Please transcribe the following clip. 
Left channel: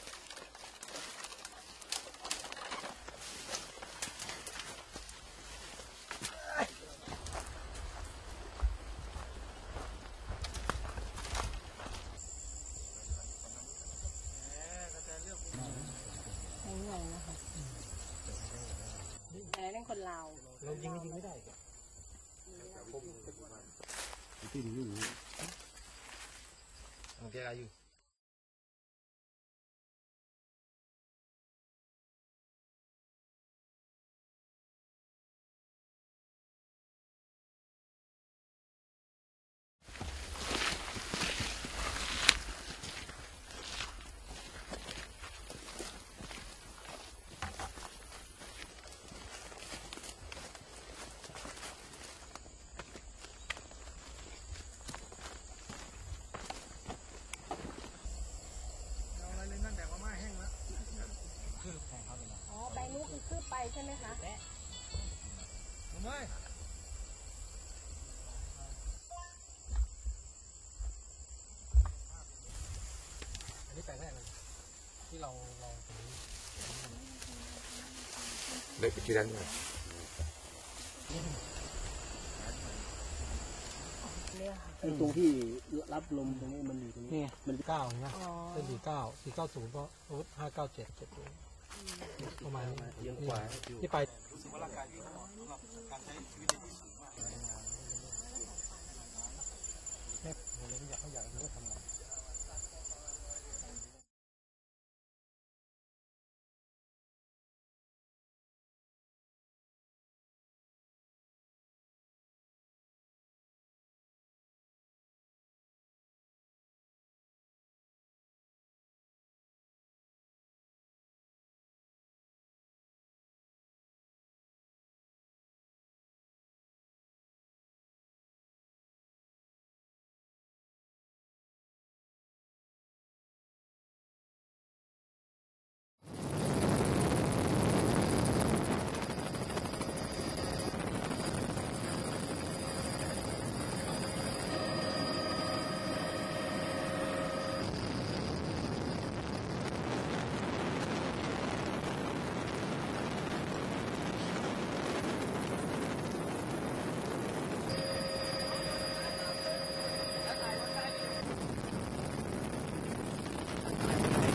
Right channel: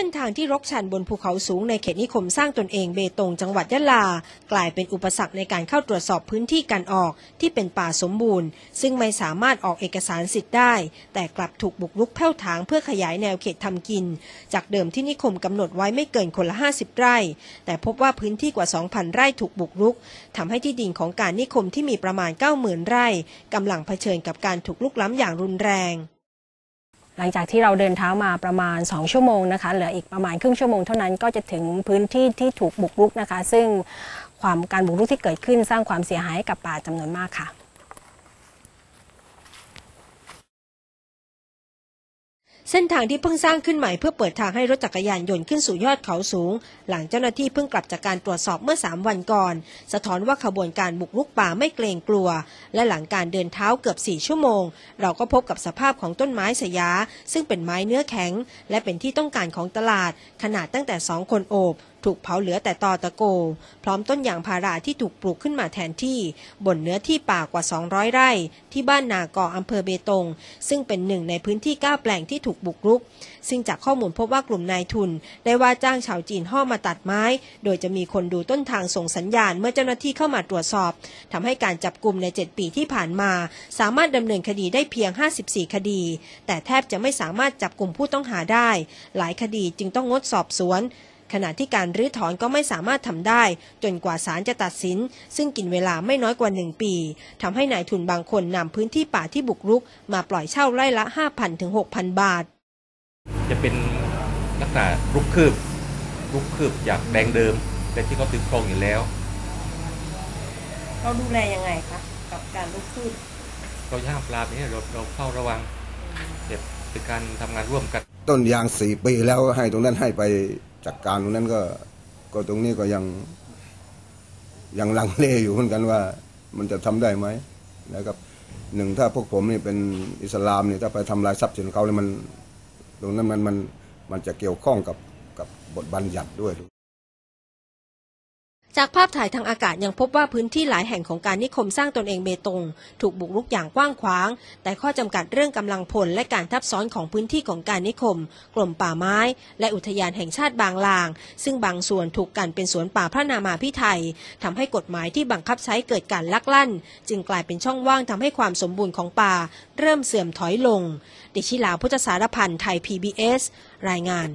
ส้นทางที่รกชันบนภูเขาสูงในเขตนิคมสร้างตนเองเบตงจังหวัดยะลา กลายเป็นอุปสรรคในการเข้าตรวจสอบพื้นที่การออกที่เป็นป่าสมบูรณ์ ซึ่งไม่สามารถออกเอกสารสิทธิ์ได้ แต่กลับถูกบุกรุกแผ่วถางเพื่อขยายแนวเขตทำกิน จากเดิมที่นิคมกำหนดไว้ไม่เกินคนละ 50 ไร่ แต่พบว่าพื้นที่กว่า 2,000 ไร่ถูกบุกรุกทำให้ที่ดินของการนิคมที่มีประมาณ 90,000 ไร่กำลังเผชิญกับการถูกลุกล้ำอย่างรุนแรง หลังจากที่เราเดินเท้ามาประมาณ 2 ชั่วโมงนะคะ เหลืออีกประมาณครึ่งชั่วโมงเท่านั้นก็จะถึงพื้นที่ที่ถูกบุกรุกนะคะ ซึ่งความการบุกรุกที่เกิดขึ้นสร้างความเสียหายให้กับป่าจำนวนมากค่ะ เส้นทางที่เพิ่งสร้างขึ้นใหม่เพื่อเปิดทางให้รถจักรยานยนต์ขึ้นสู่ยอดเขาสูง หลังเจ้าหน้าที่เพิ่งกลับจากการตรวจสอบเมื่อ 3 วันก่อน สะท้อนว่าขบวนการบุกรุกป่าไม่เกรงกลัว และหลังการเดินเท้าเกือบ 4 ชั่วโมง เราก็พบกับสภาพของต้นไม้สยา ซึ่งเป็นไม้เนื้อแข็ง และเป็นที่ต้องการของตลาด ขนาดตั้งแต่ 2 คนโอบ ถูกเผาเหลือแต่ตอตะโก พร้อมต้นยางพาราที่ถูกปลูกขึ้นมาแทนที่ บนเนื้อที่ป่ากว่า 200 ไร่ ที่บ้านนากออำเภอเบตง ซึ่งเป็นหนึ่งในพื้นที่ 9 แปลงที่ถูกบุกรุก ซึ่งจากข้อมูลพบว่ากลุ่มนายทุน ได้ว่าจ้างชาวจีนห่อมาตัดไม้ โดยจะมีคนดูต้นทางส่งสัญญาณเมื่อเจ้าหน้าที่เข้ามาตรวจสอบทำให้การจับกลุ่มใน 7 ปีที่ผ่านมา สามารถดำเนินคดีได้เพียง 54 คดี แต่แทบจะไม่สามารถจับกลุ่มผู้ต้องหาได้ หลายคดีจึงต้องงดสอบสวน ขณะที่การรื้อถอนก็ไม่สามารถทำได้ จนกว่าศาลจะตัดสิน ซึ่งกินเวลาไม่น้อยกว่า 1 ปีทำให้นายทุนบางคนนำพื้นที่ป่าที่บุกรุก มาปล่อยเช่าไร่ละ 5,000ถึง6,000 บาท จะเป็นลักษณะรุกคืบรุกคืบจากแดงเดิมแต่ที่เขาตึกครองอยู่แล้ว เราดูแลยังไงคะกับการลุกขึ้นเราห้ามปรามนี้เราเราเฝ้าระวังเก็บเป็นการทำงานร่วมกัน ต้นยางสี่ปีแล้วให้ตรงนั้นให้ไป จัดการตรงนั้นก็ก็ตรงนี้ก็ยังยังลังเลอยู่เหมือนกันว่า มันจะทำได้ไหมนะครับหนึ่งถ้าพวกผมนี่เป็นอิสลามนี่ถ้าไปทำลายทรัพย์สินเขาเลยมัน ตรงนั้นมันมันมันจะเกี่ยวข้องกับกับบทบัญญัติด้วย จากภาพถ่ายทางอากาศยังพบว่าพื้นที่หลายแห่งของการนิคมสร้างตนเองเบตง ถูกบุกรุกอย่างกว้างขวาง แต่ข้อจำกัดเรื่องกำลังพลและการทับซ้อนของพื้นที่ของการนิคมกรมป่าไม้ และอุทยานแห่งชาติบางลาง ซึ่งบางส่วนถูกกันเป็นสวนป่าพระนามาพิไทยทำให้กฎหมายที่บังคับใช้เกิดการลักลั่น จึงกลายเป็นช่องว่างทำให้ความสมบูรณ์ของป่า เริ่มเสื่อมถอยลง ดิชิลาพุทธสารพันธ์ไทย PBS รายงาน